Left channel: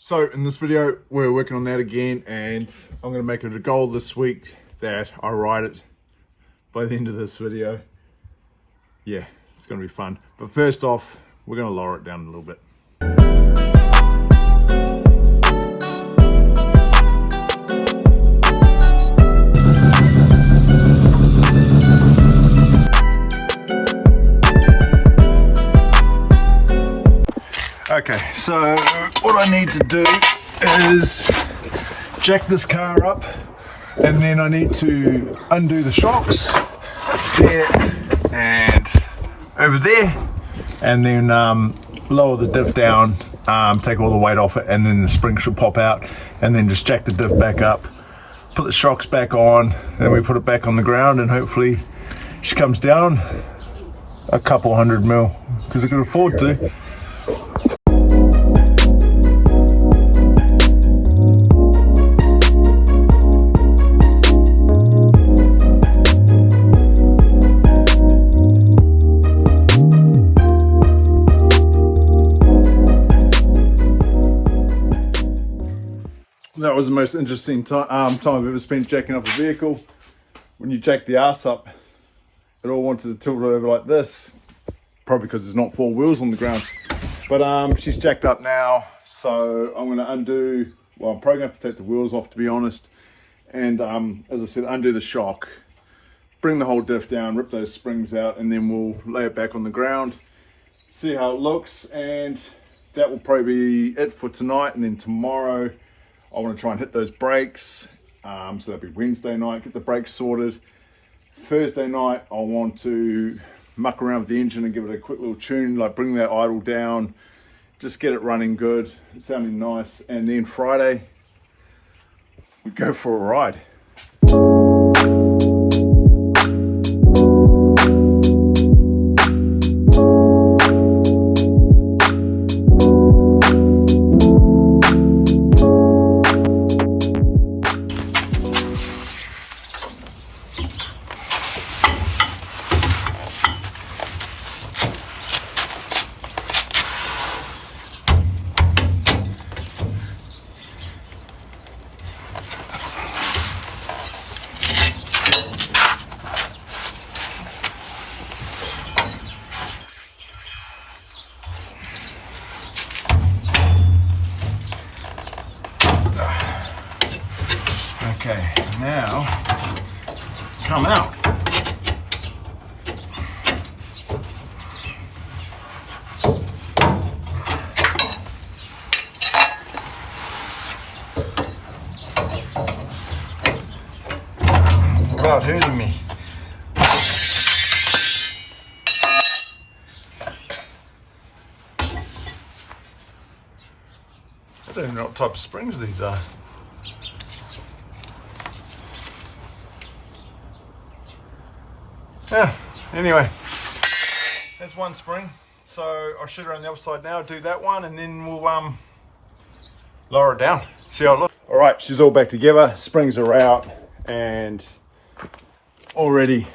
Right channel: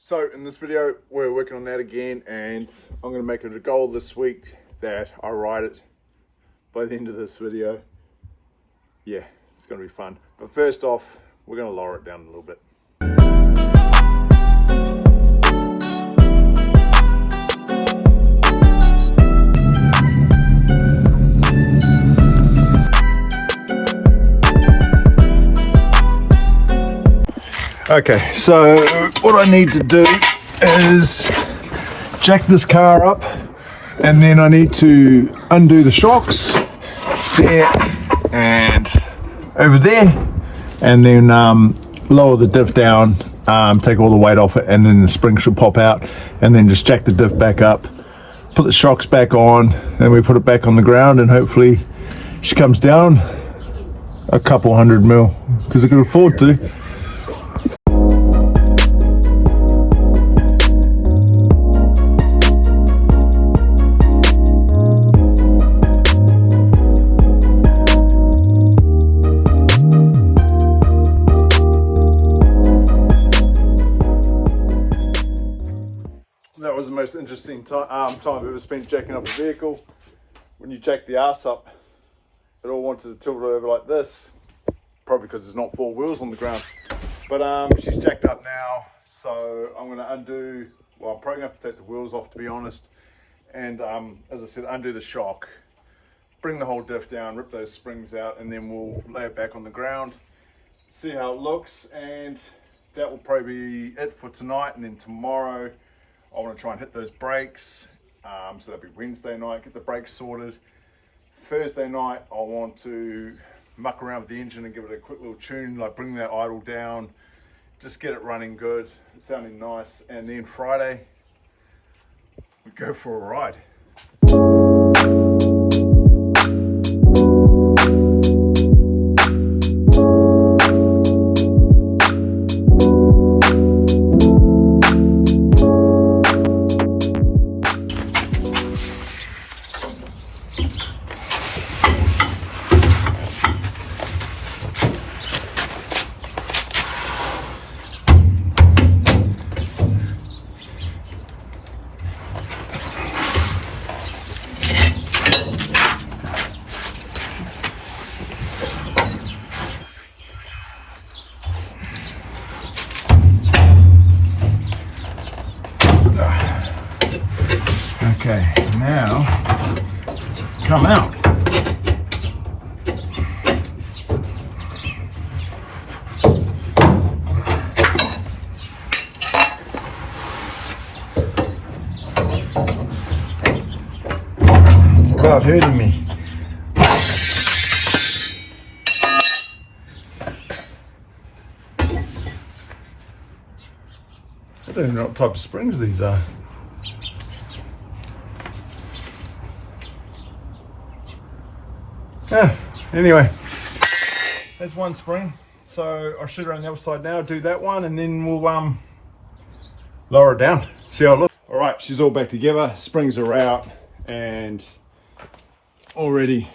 So in this video, we're working on that again, and I'm going to make it a goal this week that I ride it by the end of this video. Yeah, it's going to be fun. But first off, we're going to lower it down a little bit. Okay, so what I need to do is jack this car up, and then I need to undo the shocks there and over there, and then lower the diff down, take all the weight off it, and then the spring should pop out, and then just jack the diff back up, put the shocks back on, then we put it back on the ground, and hopefully she comes down a couple 100 mil, because I could afford to. That was the most interesting time I've ever spent jacking up a vehicle. When you jack the arse up, it all wanted to tilt over like this, probably because there's not four wheels on the ground. But she's jacked up now, so I'm going to undo, well, I'm probably going to have to take the wheels off, to be honest, and as I said, undo the shock, bring the whole diff down, rip those springs out, and then we'll lay it back on the ground, see how it looks, and that will probably be it for tonight. And then tomorrow I want to try and hit those brakes, so that'll be Wednesday night, get the brakes sorted. Thursday night I want to muck around with the engine and give it a quick little tune, like bring that idle down, just get it running good, sounding nice, and then Friday we go for a ride. Okay, now come out. Without hurting me. I don't even know what type of springs these are. Anyway, there's one spring, so I'll shoot around the other side now, do that one, and then we'll lower it down, see how it looks. All right, she's all back together, springs are out, and already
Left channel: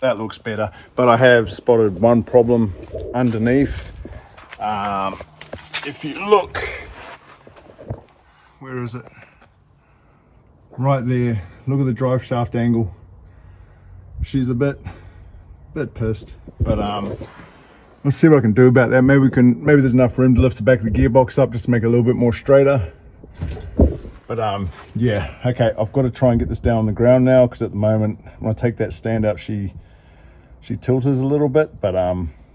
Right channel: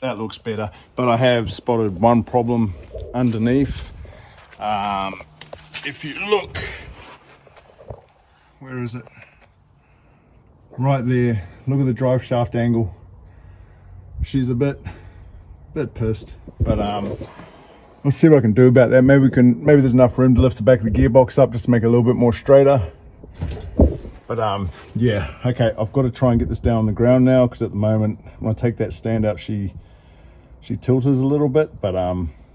that looks better, but I have spotted one problem underneath. If you look, where is it? Right there, look at the drive shaft angle. She's a bit pissed, but we'll see what I can do about that. Maybe there's enough room to lift the back of the gearbox up just to make it a little bit more straighter. But yeah, okay, I've got to try and get this down on the ground now, because at the moment when I take that stand out, she tilts a little bit. But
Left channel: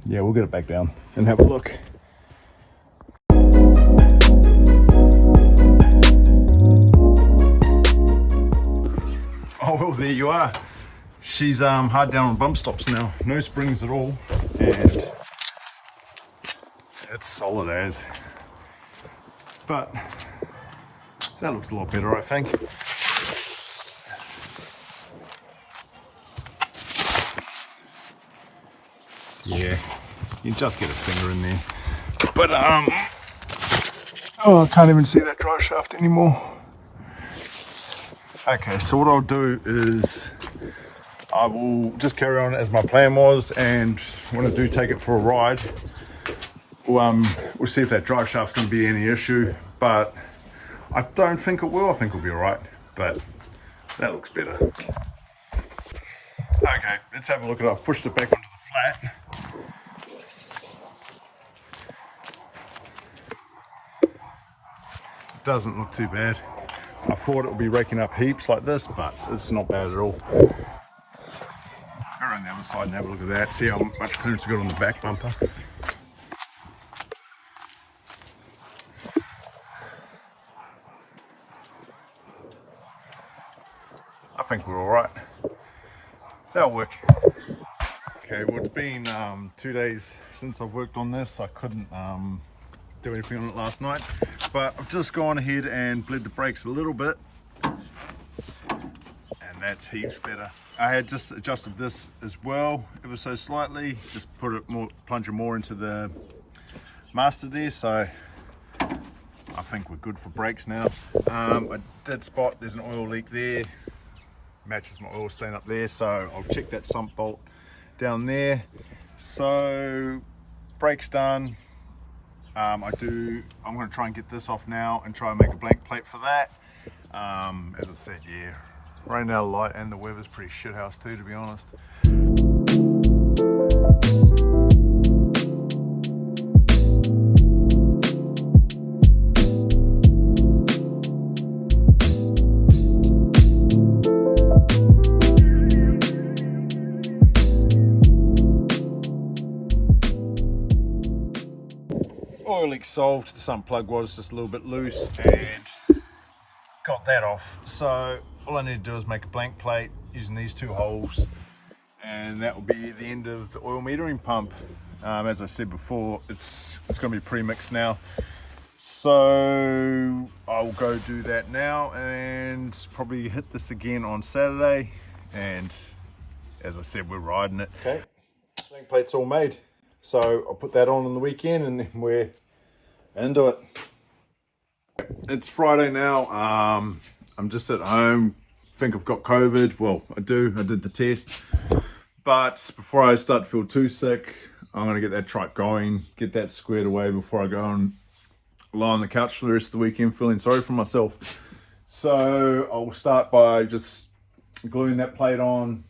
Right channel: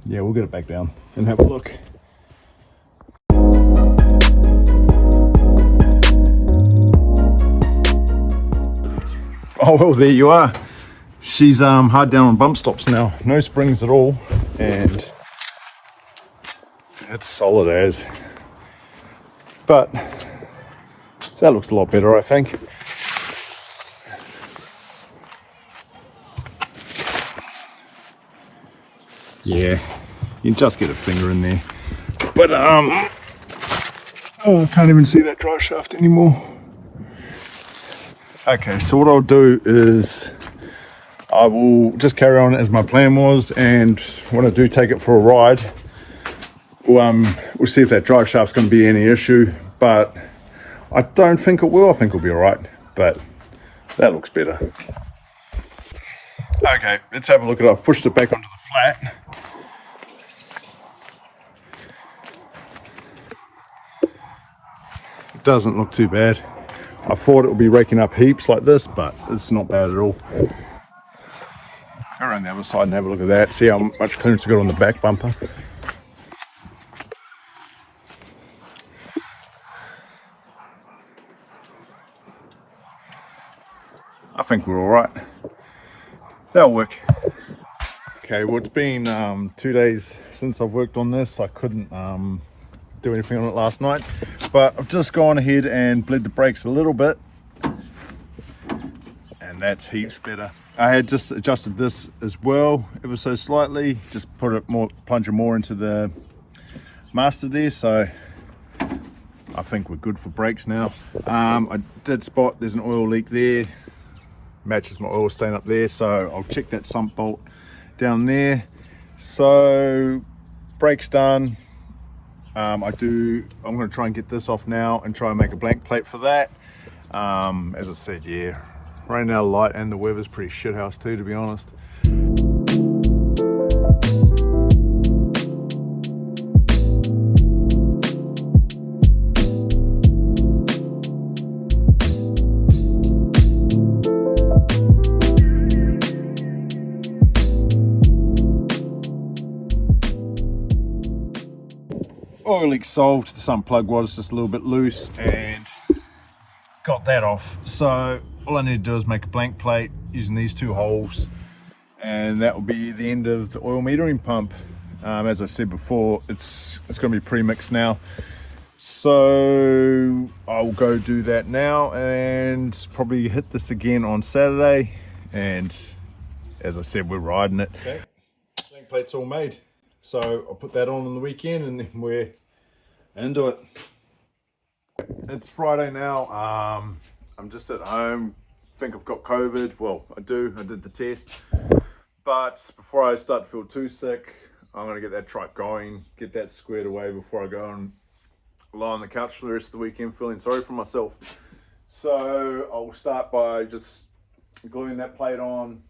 yeah, we'll get it back down and have a look. Oh well, there you are. She's hard down on bump stops now, no springs at all, and it's solid as. But that looks a lot better, I think. Yeah, you can just get a finger in there. But oh, I can't even see that drive shaft anymore. Okay, so what I'll do is I will just carry on as my plan was, and when I do take it for a ride, we'll see if that drive shaft's going to be any issue. but I don't think it will. I think it'll be all right, but that looks better. Okay, let's have a look at it. I've pushed it back onto the flat. It doesn't look too bad. I thought it would be raking up heaps like this, but it's not bad at all. Go around the other side and have a look at that. See how much clearance we got on the back bumper. I think we're all right. That'll work. Okay, well, it's been 2 days since I've worked on this. I couldn't do anything on it last night, but I've just gone ahead and bled the brakes a little bit, and that's heaps better. I had just adjusted this as well, ever so slightly, just put it more, plunge it more into the master there, so I think we're good for brakes now. I did spot there's an oil leak there, matches my oil stain up there, so I'll check that sump bolt down there. So brakes done. I'm going to try and get this off now and try and make a blank plate for that. As I said, yeah, rain out a light and the weather's pretty shithouse too, to be honest. Oil leak solved. The sump plug was just a little bit loose and got that off. So all I need to do is make a blank plate using these two holes, and that will be the end of the oil metering pump. As I said before, it's going to be pre-mixed now, so I'll go do that now and probably hit this again on Saturday. And as I said, we're riding it. Okay, blank plate's all made, so I'll put that on the weekend and then we're into it. It's Friday now. I'm just at home. Think I've got COVID. Well, I do. I did the test. But before I start to feel too sick, I'm going to get that trike going, get that squared away before I go and lie on the couch for the rest of the weekend feeling sorry for myself. So I'll start by just gluing that plate on,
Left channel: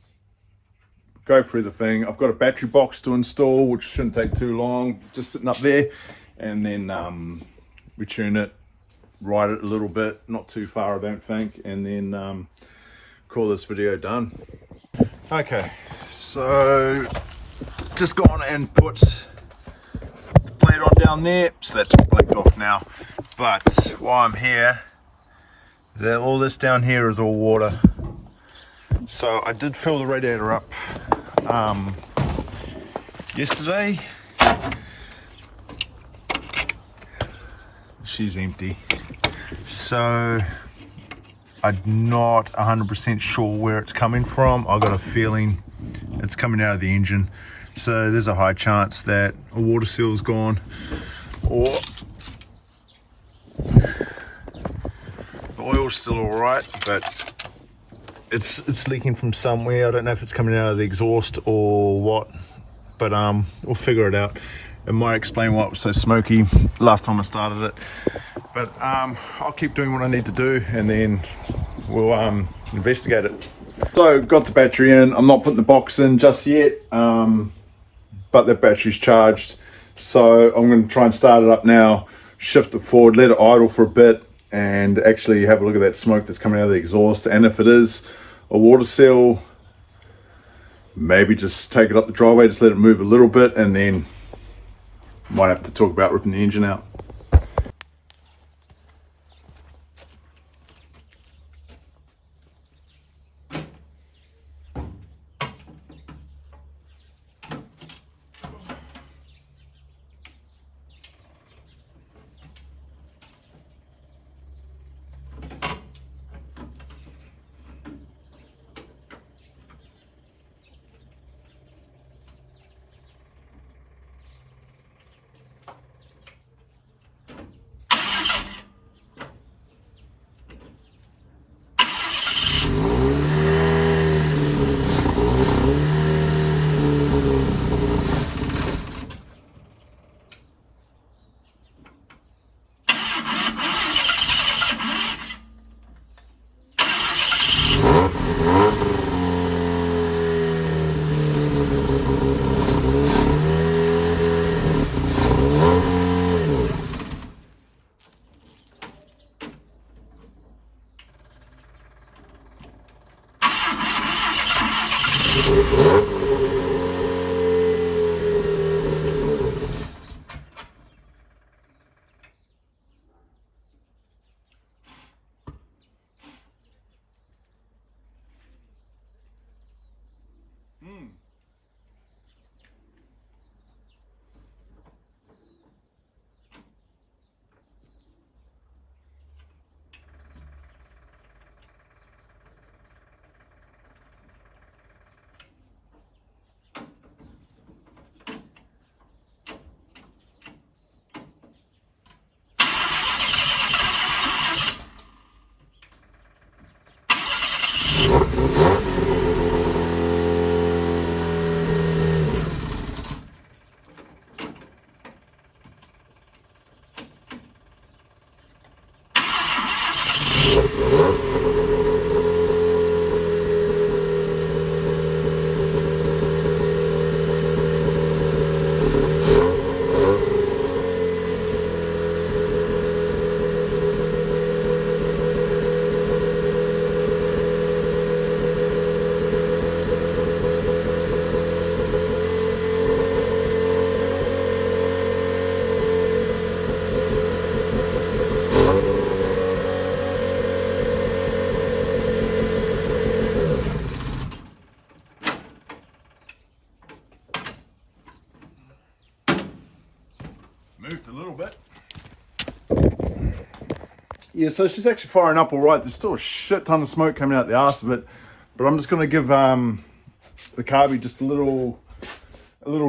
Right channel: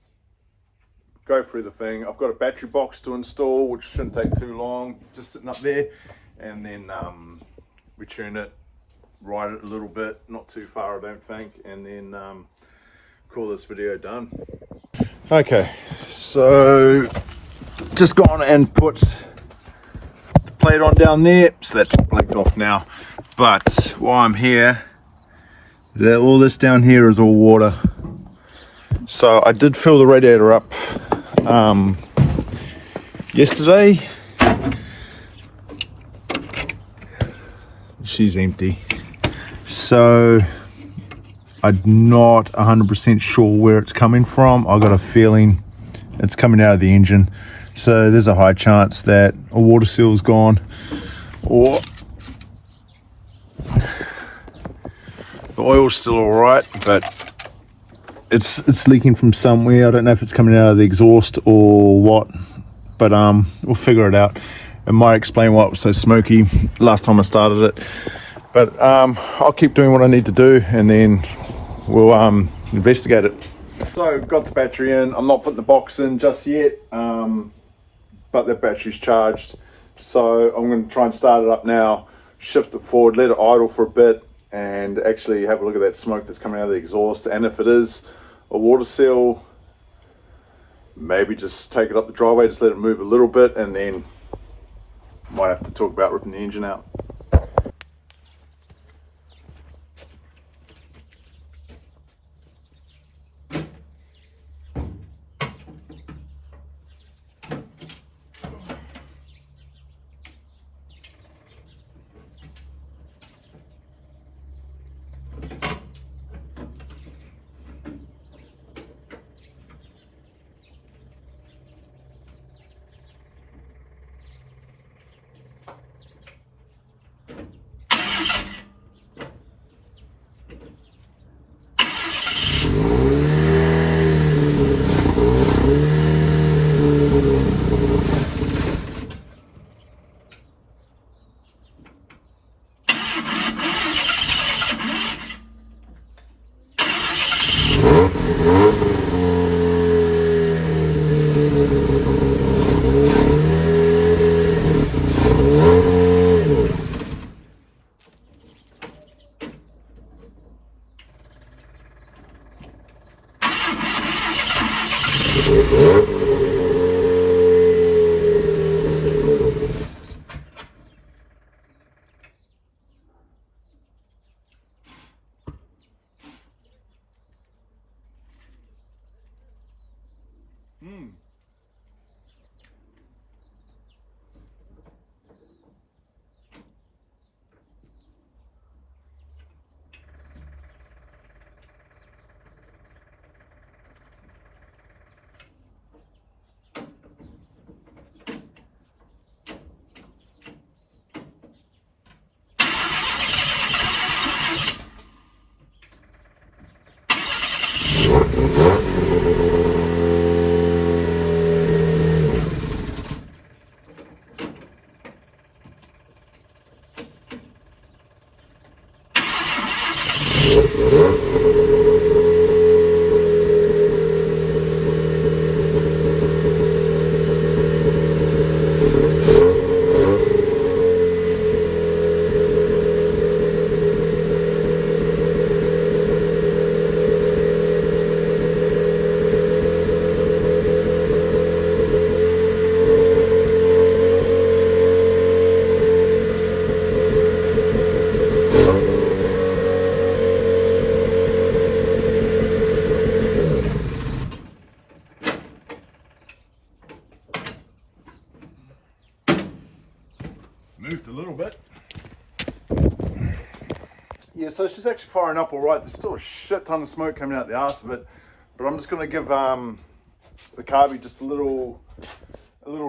go through the thing. I've got a battery box to install, which shouldn't take too long, just sitting up there. And then return it, ride it a little bit, not too far I don't think, and then call this video done. Okay, so just gone and put the plate on down there, so that's blacked off now. But while I'm here, all this down here is all water. So I did fill the radiator up yesterday. She's empty, so I'm not 100% sure where it's coming from. I got a feeling it's coming out of the engine, so there's a high chance that a water seal's gone, or the oil's still all right, but it's leaking from somewhere. I don't know if it's coming out of the exhaust or what, but we'll figure it out. It might explain why it was so smoky last time I started it, but I'll keep doing what I need to do and then we'll investigate it. So got the battery in. I'm not putting the box in just yet, but that battery's charged, so I'm going to try and start it up now, shift it forward, let it idle for a bit, and actually have a look at that smoke that's coming out of the exhaust. And if it is a water seal, maybe just take it up the driveway, just let it move a little bit, and then might have to talk about ripping the engine out. Moved a little bit. Yeah, so she's actually firing up all right. There's still a shit ton of smoke coming out the arse of it, but I'm just going to give the carby just a little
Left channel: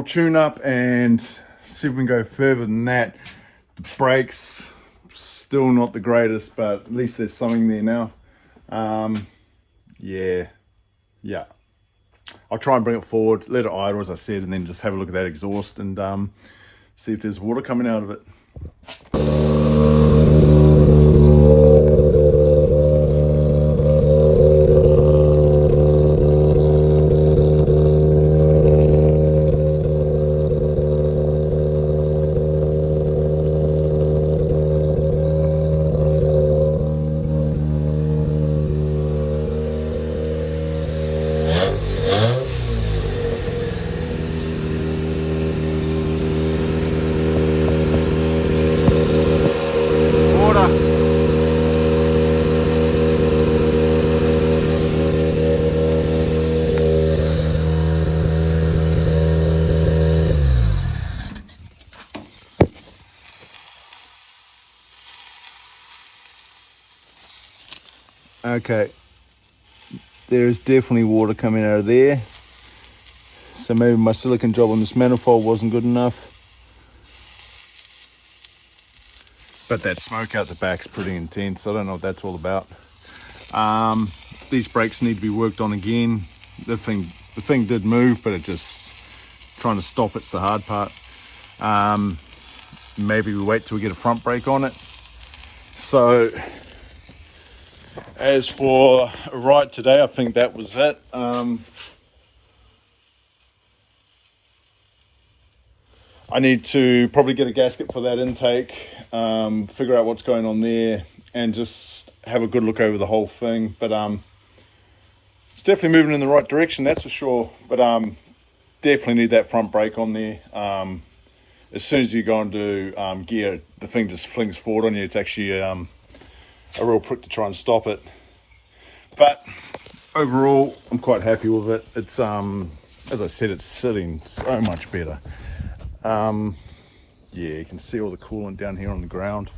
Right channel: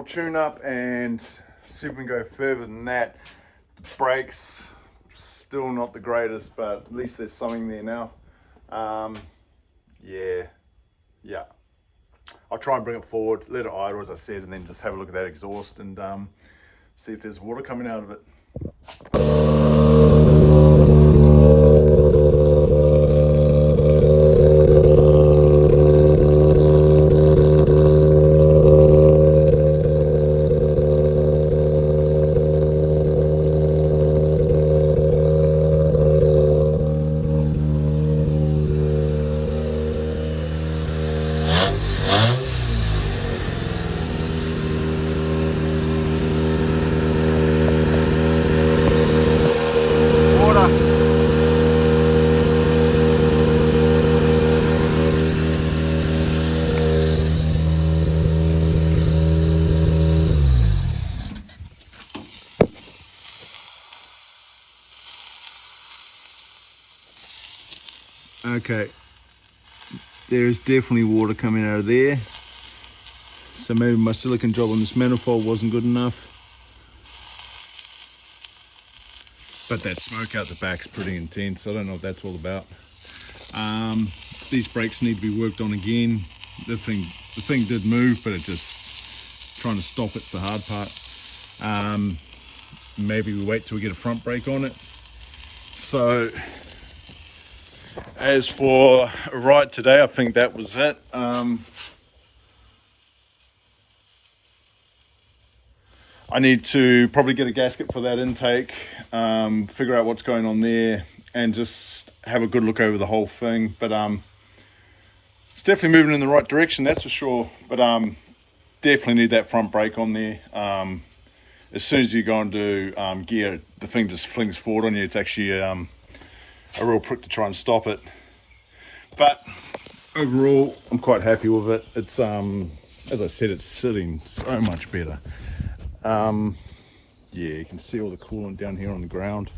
tune up and see if we can go further than that. The brakes still not the greatest, but at least there's something there now. Yeah. I'll try and bring it forward, let it idle as I said, and then just have a look at that exhaust and see if there's water coming out of it. Okay, there's definitely water coming out of there. So maybe my silicone job on this manifold wasn't good enough. But that smoke out the back's pretty intense. I don't know what that's all about. These brakes need to be worked on again. The thing did move, but it just trying to stop it's the hard part. Maybe we wait till we get a front brake on it. So as for a ride today, I think that was it. I need to probably get a gasket for that intake, figure out what's going on there, and just have a good look over the whole thing. But it's definitely moving in the right direction, that's for sure. But definitely need that front brake on there. As soon as you go into gear, the thing just flings forward on you. It's actually a real prick to try and stop it. But overall, I'm quite happy with it. It's as I said, it's sitting so much better. Yeah, you can see all the coolant down here on the ground.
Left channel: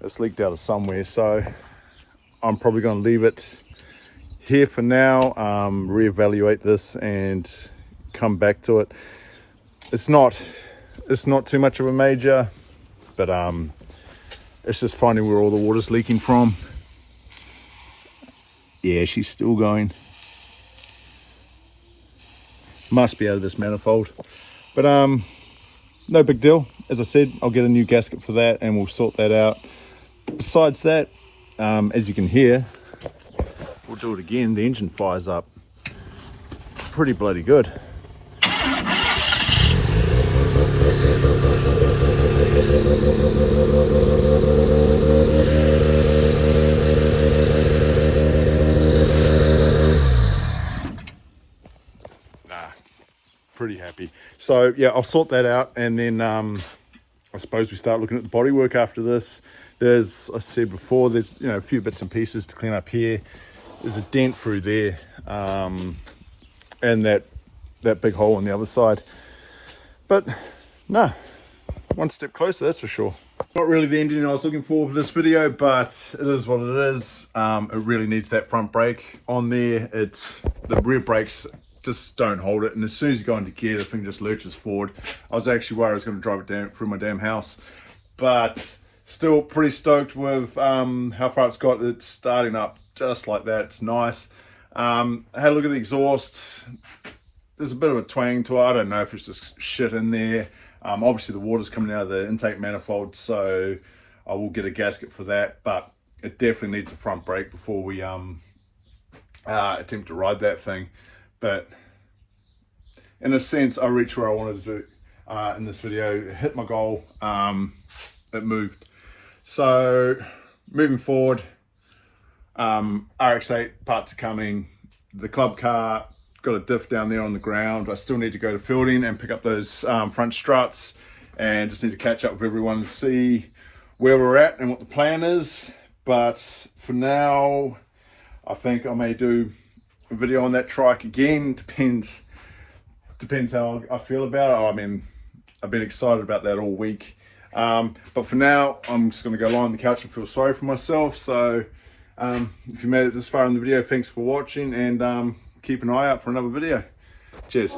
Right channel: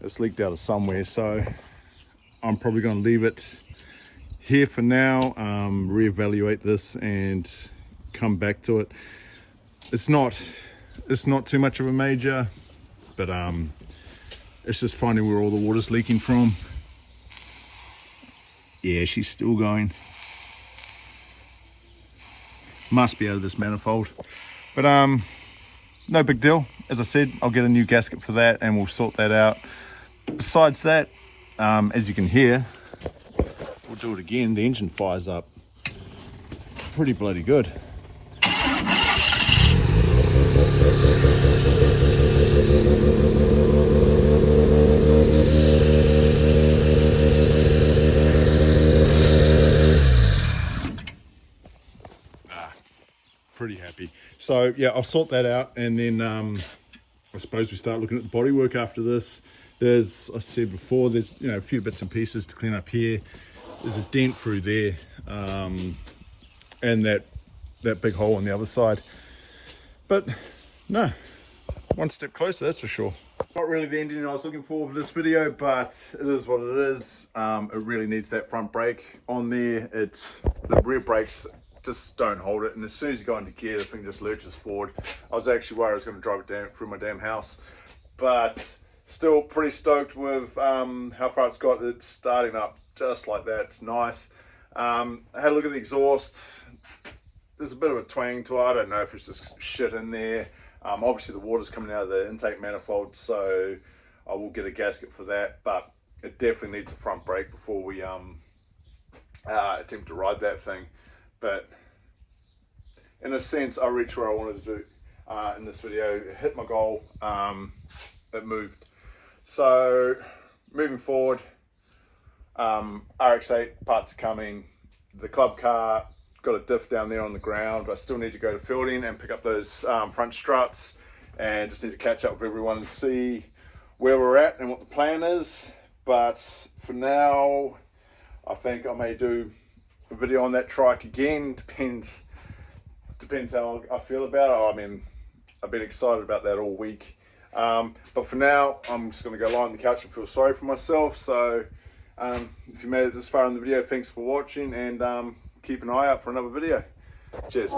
It's leaked out of somewhere, so I'm probably going to leave it here for now, reevaluate this and come back to it. It's not too much of a major, but it's just finding where all the water's leaking from. Yeah, she's still going. Must be out of this manifold. But no big deal. As I said, I'll get a new gasket for that and we'll sort that out. Besides that, as you can hear, we'll do it again. The engine fires up pretty bloody good. Pretty happy. So yeah, I'll sort that out, and then I suppose we start looking at the bodywork after this. There's, I said before, there's a few bits and pieces to clean up here. There's a dent through there, and that big hole on the other side. But no, one step closer, that's for sure. Not really the engine I was looking for this video, but it is what it is. It really needs that front brake on there. The rear brakes just don't hold it, and as soon as you go into gear, the thing just lurches forward. I was actually worried I was going to drive it down through my damn house, but still pretty stoked with how far it's got. It's starting up just like that. It's nice. I had a look at the exhaust. There's a bit of a twang to it. I don't know if it's just shit in there. Obviously the water's coming out of the intake manifold, so I will get a gasket for that, but it definitely needs a front brake before we attempt to ride that thing. But in a sense, I reached where I wanted to do in this video. It hit my goal. It moved. So moving forward, RX-8 parts are coming. The club car got a diff down there on the ground. I still need to go to fielding and pick up those front struts, and just need to catch up with everyone and see where we're at and what the plan is. But for now, I think I may do a video on that trike again. Depends how I feel about it. I mean, I've been excited about that all week, but for now I'm just going to go lie on the couch and feel sorry for myself. So if you made it this far in the video, thanks for watching, and keep an eye out for another video. Cheers.